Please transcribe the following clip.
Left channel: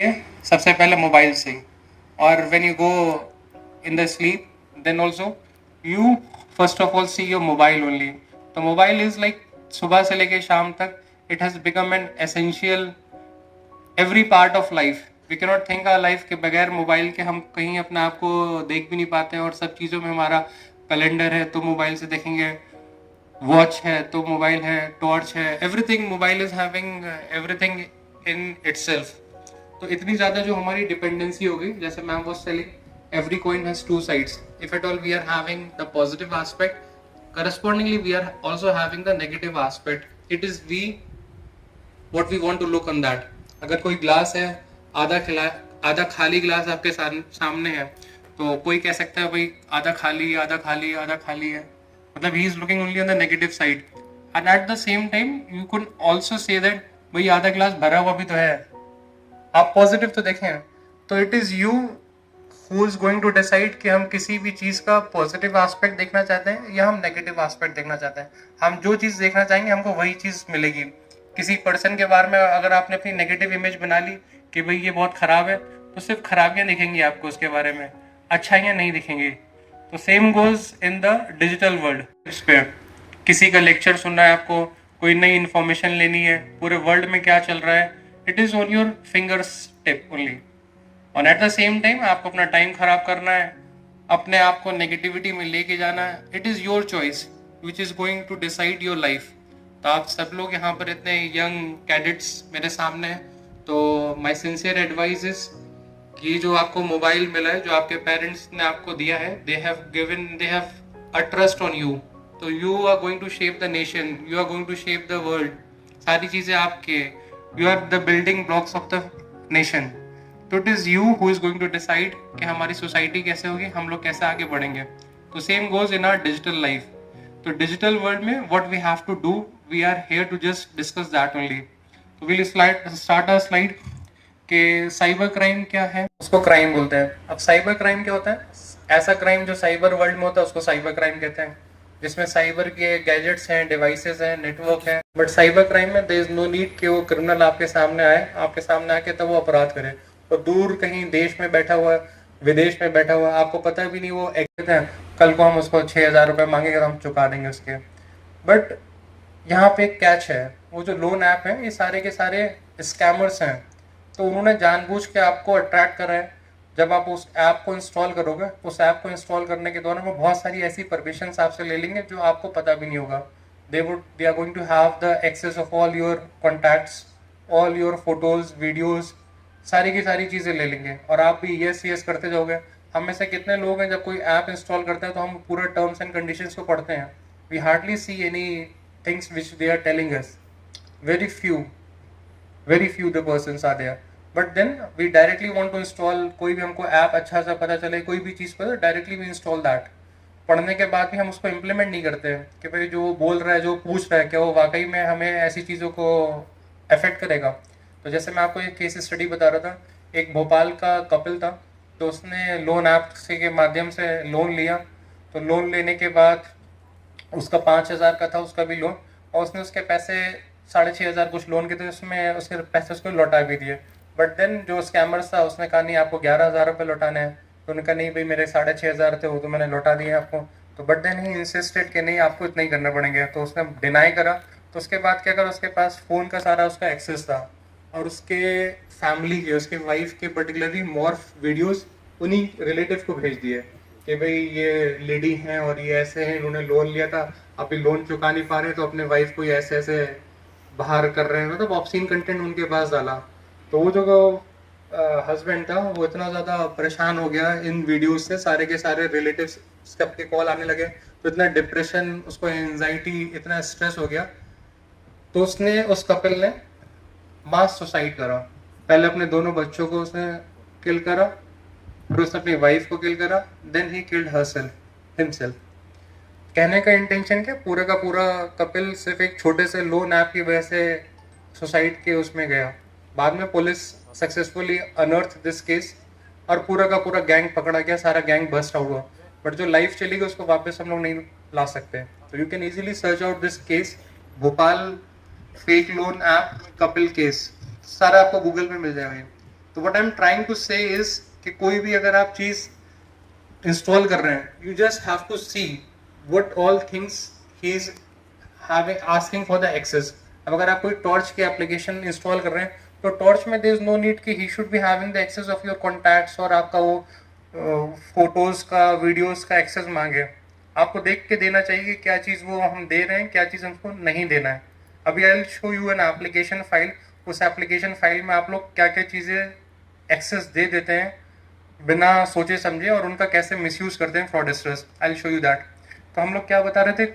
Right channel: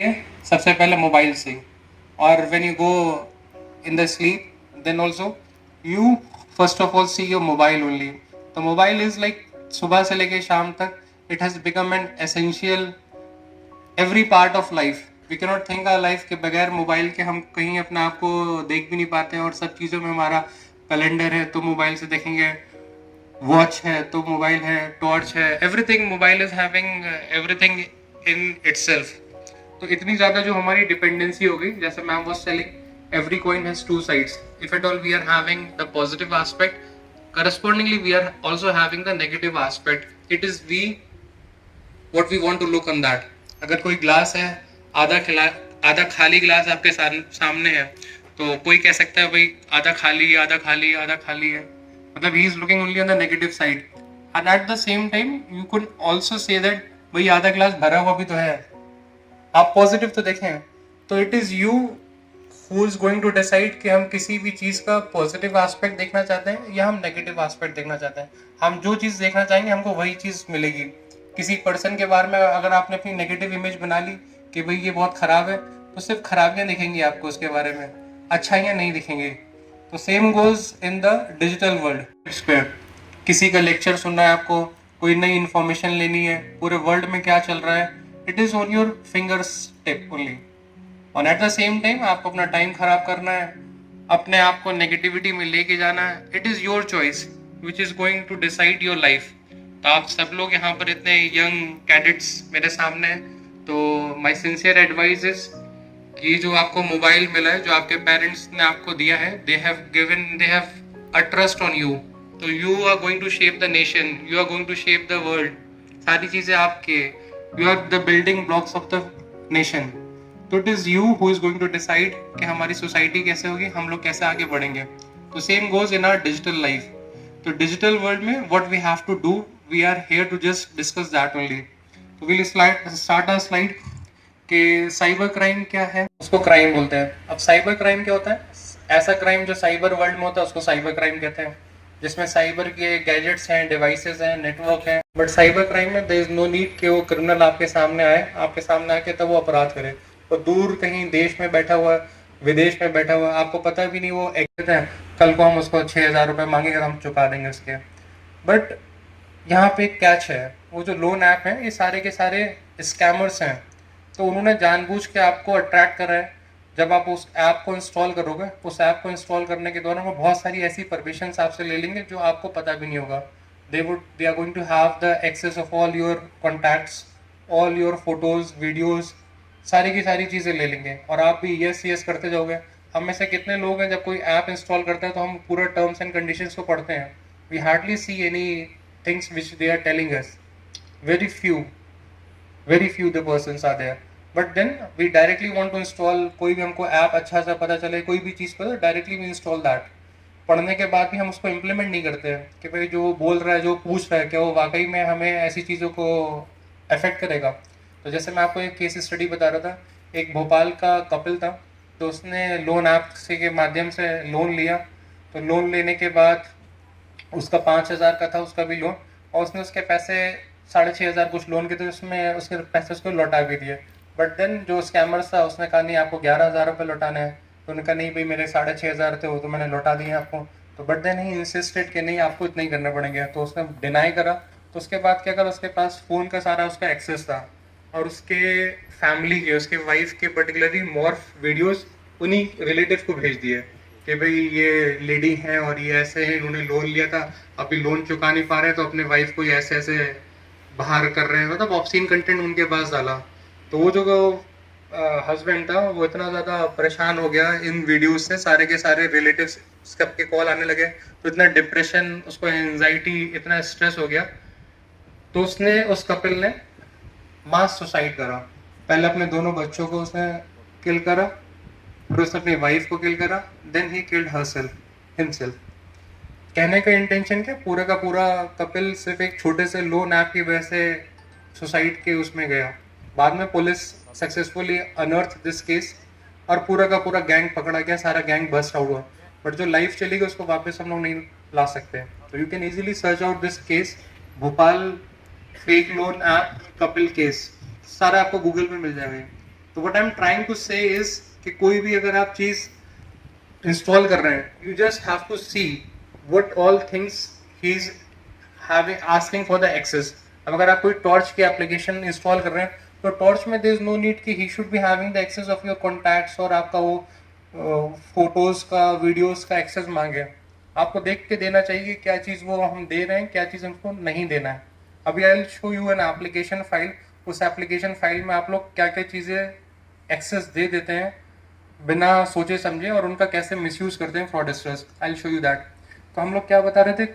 सबसे पहले मोबाइल से, और when you go in the sleep then also you first of all see your mobile only. तो mobile is like सुबह से लेके शाम तक it has become an essential every part of life. We can not think our life के बगैर mobile के हम कहीं अपने आप को देख भी नहीं पाते हैं. और सब चीज़ों में हमारा कैलेंडर है तो मोबाइल से देखेंगे, वॉच है तो मोबाइल है, टॉर्च है, everything mobile is having everything in itself. तो इतनी ज़्यादा जो हमारी डिपेंडेंसी हो गई, जैसे ma'am was telling every coin has two sides. If at all we are having the positive aspect, correspondingly we are also having the negative aspect. It is we what we want to look on that. अगर कोई glass है, आधा खाली glass आपके सामने है, तो कोई कह सकता है भाई आधा खाली है, आधा खाली है, आधा खाली है, मतलब he is looking only on the negative side. And at the same time you could also say that भाई आधा ग्लास भरा हुआ भी तो है, आप पॉजिटिव तो देखें. तो it is you who is going to decide कि हम किसी भी चीज़ का पॉजिटिव एस्पेक्ट देखना चाहते हैं या हम नेगेटिव एस्पेक्ट देखना चाहते हैं. हम जो चीज़ देखना चाहेंगे हमको वही चीज़ मिलेगी. किसी पर्सन के बारे में अगर आपने अपनी नेगेटिव इमेज बना ली कि भाई ये बहुत ख़राब है, तो सिर्फ खराबियाँ दिखेंगी आपको उसके बारे में, अच्छाइयाँ नहीं दिखेंगी. तो same goes in the digital world. इस पे किसी का लेक्चर सुनना है आपको, कोई नई इन्फॉर्मेशन लेनी है, पूरे वर्ल्ड में क्या चल रहा है, it is on your fingers tip only. और एट द सेम टाइम आपको अपना टाइम खराब करना है, अपने आप को नेगेटिविटी में लेके जाना है. It is your choice which is going to decide your life. तो आप सब लोग यहाँ पर इतने यंग कैडेट्स मेरे सामने हैं, तो माई सिंसियर एडवाइस इज कि जो आपको मोबाइल मिला है, जो आपके पेरेंट्स ने आपको दिया है, they have a trust on you. तो you are going to shape the nation, you are going to shape the world. सारी चीज़ें आपके, you are the building blocks of the nation. तो it is you who is going to decide कि हमारी society कैसे होगी, हम लोग कैसे आगे बढ़ेंगे. तो same goes in our digital life. तो डिजिटल वर्ल्ड में what we have to do, we are here to just discuss that only. तो विल स्टार्ट अ स्लाइड कि साइबर क्राइम क्या है. उसको क्राइम बोलते हैं. अब साइबर क्राइम क्या होता है? ऐसा क्राइम जो साइबर वर्ल्ड में होता है उसको साइबर क्राइम कहते हैं, जिसमें साइबर के गैजेट्स हैं, डिवाइसेस हैं, नेटवर्क हैं. बट साइबर क्राइम में देयर इज नो नीड कि वो क्रिमिनल आपके सामने आके तब वो अपराध करे. तो दूर कहीं देश में बैठा हुआ, विदेश में बैठा हुआ, आपको पता भी नहीं वो एक्टिव है, कल को हम उसको 6,000 रुपये मांगेंगे, हम चुका देंगे उसके. बट यहाँ पे एक कैच है, वो जो लोन ऐप है ये सारे के सारे स्कैमर्स हैं. तो उन्होंने जानबूझ के आपको अट्रैक्ट करा है. जब आप उस ऐप को इंस्टॉल करोगे, उस ऐप को इंस्टॉल करने के दौरान वो बहुत सारी ऐसी परमिशन आपसे ले लेंगे जो आपको पता भी नहीं होगा. They are going to have the access of all your contacts, all your photos, videos, सारी की सारी चीज़ें ले लेंगे और आप भी यस यस करते जाओगे. हम में से कितने लोग हैं जब कोई ऐप इंस्टॉल करते हैं तो हम पूरा टर्म्स एंड कंडीशंस को पढ़ते हैं. We hardly see any things which they are telling us. Very few the persons are there. But then we directly want to install, कोई भी हमको ऐप अच्छा सा पता चले, कोई भी चीज़ पता, डायरेक्टली वी इंस्टॉल दैट. पढ़ने के बाद भी हम उसको इम्प्लीमेंट नहीं करते हैं कि भाई जो बोल रहा है, जो पूछ रहा है, क्या वो वाकई में हमें ऐसी चीज़ों को अफेक्ट करेगा. तो जैसे मैं आपको एक केस स्टडी बता रहा था, एक भोपाल का कपल था, तो उसने लोन ऐप से के माध्यम से लोन लिया. तो लोन लेने के बाद उसका 5,000 का था उसका भी लोन, और उसने उसके पैसे 6,500 कुछ लोन के थे, उसमें उसके पैसे उसको लौटा भी दिए. बट देन जो स्कैमर्स था उसने कहा नहीं आपको 11,000 रुपये लौटाने हैं. तो उन्होंने कहा नहीं भाई मेरे 6,500 थे वो तो मैंने लौटा दिए आपको. तो बट देन ही इंसिस्टेड कि नहीं आपको इतना ही करना पड़ेंगे. तो उसने डिनाई करा. तो उसके बाद क्या करा, उसके पास फ़ोन का सारा उसका एक्सेस था और उसके फैमिली के, उसके वाइफ के पर्टिकुलरली मॉर्फ वीडियोज़ उन्हीं रिलेटिव को भेज दिए कि भाई ये लेडी हैं और ये ऐसे हैं, इन्होंने लोन लिया था, अभी लोन चुका नहीं पा रहे तो अपने वाइफ को ये ऐसे ऐसे बाहर कर रहे हैं, मतलब ऑब्सीन कंटेंट उनके पास डाला. तो वो जो हस्बैंड था वो इतना ज़्यादा परेशान हो गया इन वीडियोस से, सारे के सारे रिलेटिव्स सबके कॉल आने लगे, तो इतना डिप्रेशन, उसको एंजाइटी, इतना स्ट्रेस हो गया. तो उसने, उस कपल ने मास सुसाइड करा. पहले अपने दोनों बच्चों को उसने किल करा, फिर उसने अपनी वाइफ को किल करा, then he killed herself himself. कहने का इंटेंशन क्या, पूरा का पूरा कपिल सिर्फ एक छोटे से लोन ऐप की वजह से सुसाइड के उसमें गया. बाद में पुलिस सक्सेसफुली अनर्थ दिस केस और पूरा का पूरा गैंग पकड़ा गया, सारा गैंग बस्ट आउट हुआ. बट जो लाइफ चली गई उसको वापस हम लोग नहीं ला सकते. तो you can easily search out this case, Bhopal fake loan app Kapil case, सारा आपको गूगल पे मिल जाएगा. तो what I am trying to say is कि कोई भी अगर आप चीज इंस्टॉल कर रहे हैं, you just have to see what all things he is having asking for the access. अब अगर आप कोई टॉर्च की एप्लीकेशन इंस्टॉल कर रहे हैं तो टॉर्च में देयर इज नो नीड कि he should be having the access of your contacts और आपका वो फोटोज का वीडियोस का एक्सेस मांगे. आपको देख के देना चाहिए कि क्या चीज़ वो हम दे रहे हैं, क्या चीज़ हमको नहीं देना है. अभी I will show you an application file. उस एप्लीकेशन फाइल में आप लोग क्या क्या चीज़ें एक्सेस दे देते हैं बिना सोचे समझे और उनका कैसे मिसयूज करते हैं fraudsters. I will show you that. तो हम लोग क्या बता रहे थे,